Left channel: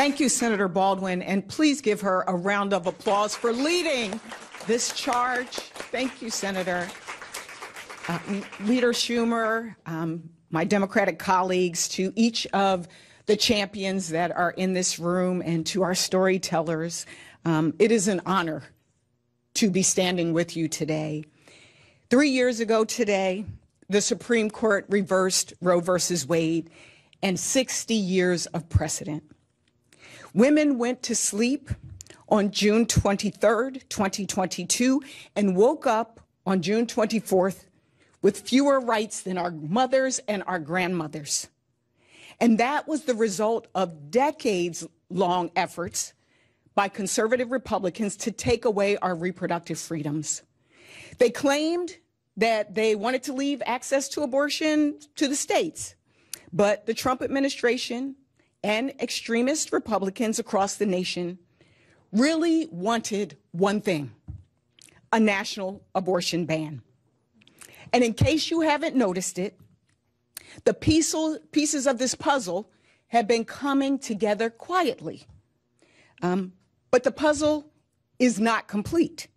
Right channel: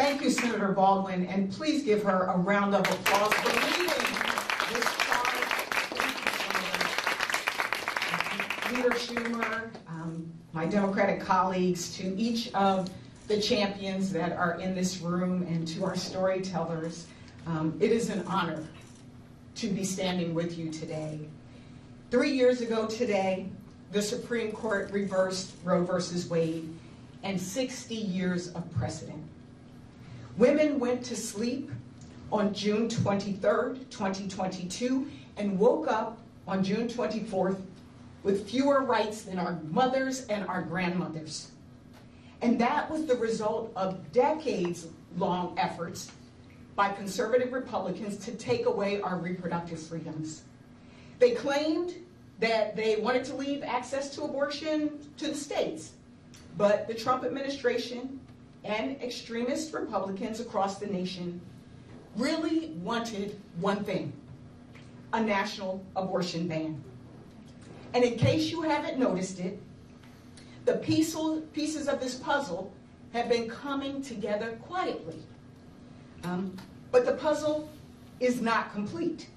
Thank you, Senator Baldwin, and please give her a round of applause for leading this charge. Thank you, Senator. Leader Schumer, my Democratic colleagues, to each of the champions that are in this room, and to our storytellers, it is an honor to be standing with you today. 3 years ago today, the Supreme Court reversed Roe versus Wade and 60 years of precedent. Women went to sleep on June 23rd, 2022, and woke up on June 24th with fewer rights than our mothers and our grandmothers. And that was the result of decades-long efforts by conservative Republicans to take away our reproductive freedoms. They claimed that they wanted to leave access to abortion to the states, but the Trump administration and extremist Republicans across the nation really wanted one thing: a national abortion ban. And in case you haven't noticed it, the pieces of this puzzle have been coming together quietly. But the puzzle is not complete.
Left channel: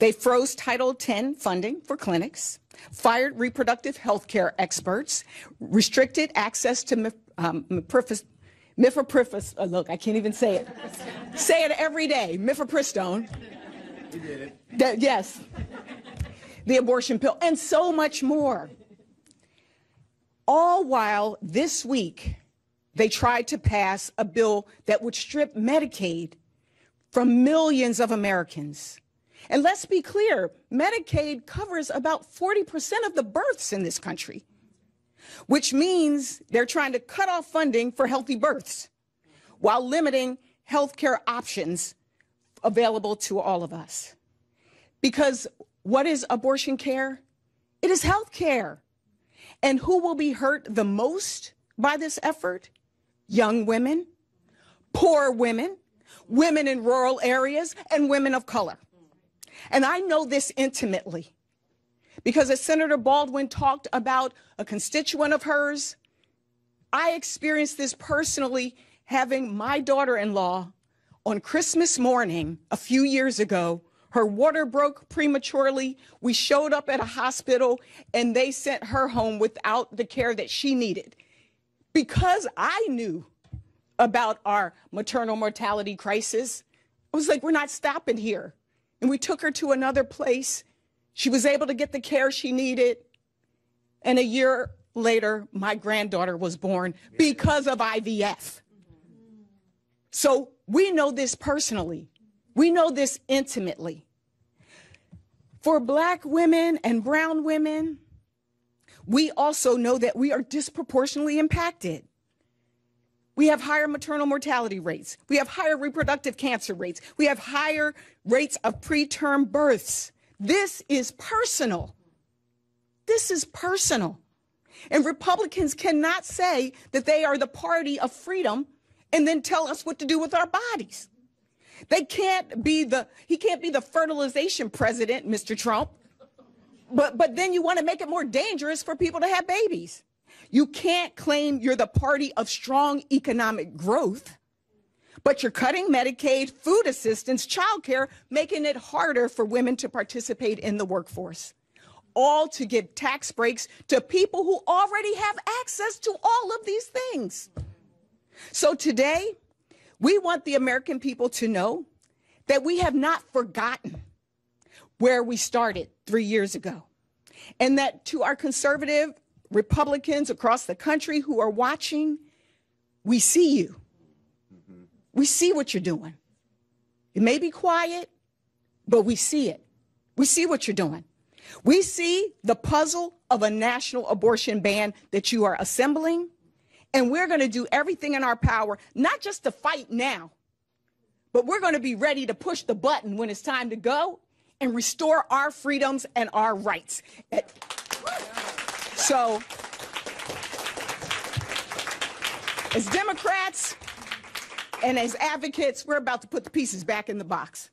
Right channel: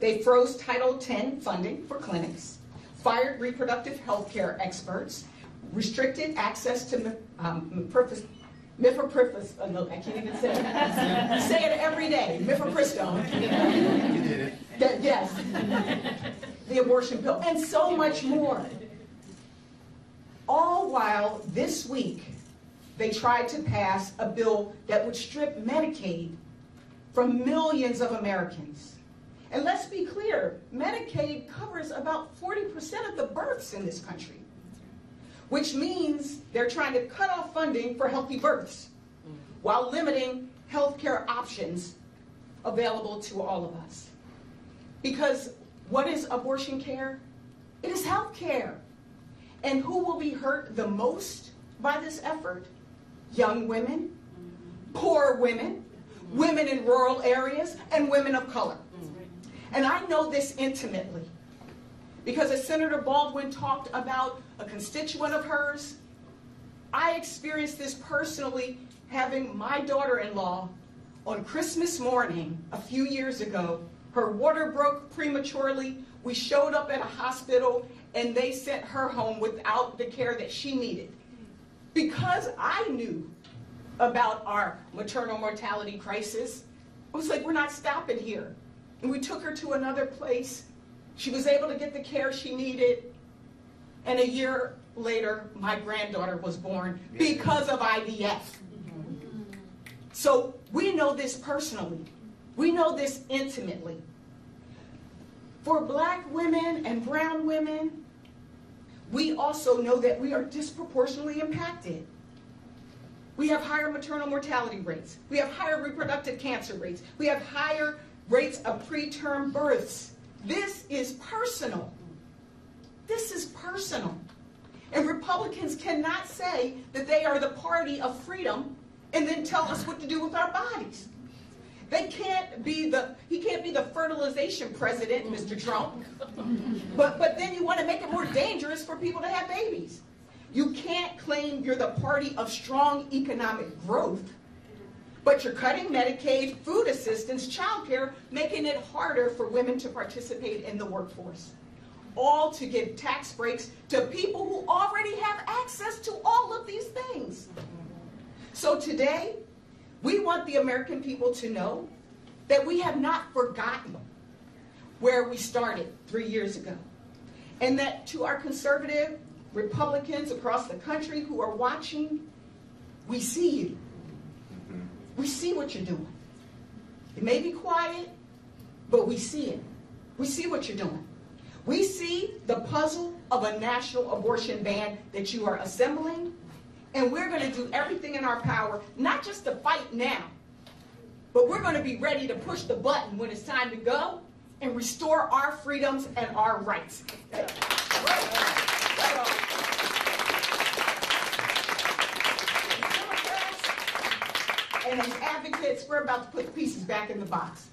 They froze Title X funding for clinics, fired reproductive health care experts, restricted access to mifepristone. Look, I can't even say it. Say it every day, mifepristone. Yes. The abortion pill, and so much more. All while this week, they tried to pass a bill that would strip Medicaid from millions of Americans. And let's be clear, Medicaid covers about 40% of the births in this country, which means they're trying to cut off funding for healthy births while limiting health care options available to all of us. Because what is abortion care? It is health care. And who will be hurt the most by this effort? Young women, poor women, women in rural areas, and women of color. And I know this intimately because as Senator Baldwin talked about a constituent of hers, I experienced this personally having my daughter-in-law on Christmas morning a few years ago. Her water broke prematurely. We showed up at a hospital and they sent her home without the care that she needed. Because I knew about our maternal mortality crisis, I was like, we're not stopping here. And we took her to another place. She was able to get the care she needed. And a year later, my granddaughter was born because of IVF. So we know this personally. We know this intimately. For Black women and brown women, we also know that we are disproportionately impacted. We have higher maternal mortality rates. We have higher reproductive cancer rates. We have higher rates of preterm births. This is personal. This is personal. And Republicans cannot say that they are the party of freedom and then tell us what to do with our bodies. He can't be the fertilization president, Mr. Trump, but then you want to make it more dangerous for people to have babies. You can't claim you're the party of strong economic growth, but you're cutting Medicaid, food assistance, childcare, making it harder for women to participate in the workforce, all to give tax breaks to people who already have access to all of these things. So today, we want the American people to know that we have not forgotten where we started 3 years ago, and that to our conservative Republicans across the country who are watching, we see you. We see what you're doing. It may be quiet, but we see it. We see what you're doing. We see the puzzle of a national abortion ban that you are assembling, and we're going to do everything in our power, not just to fight now, but we're going to be ready to push the button when it's time to go and restore our freedoms and our rights. So, as Democrats and as advocates, we're about to put the pieces back in the box.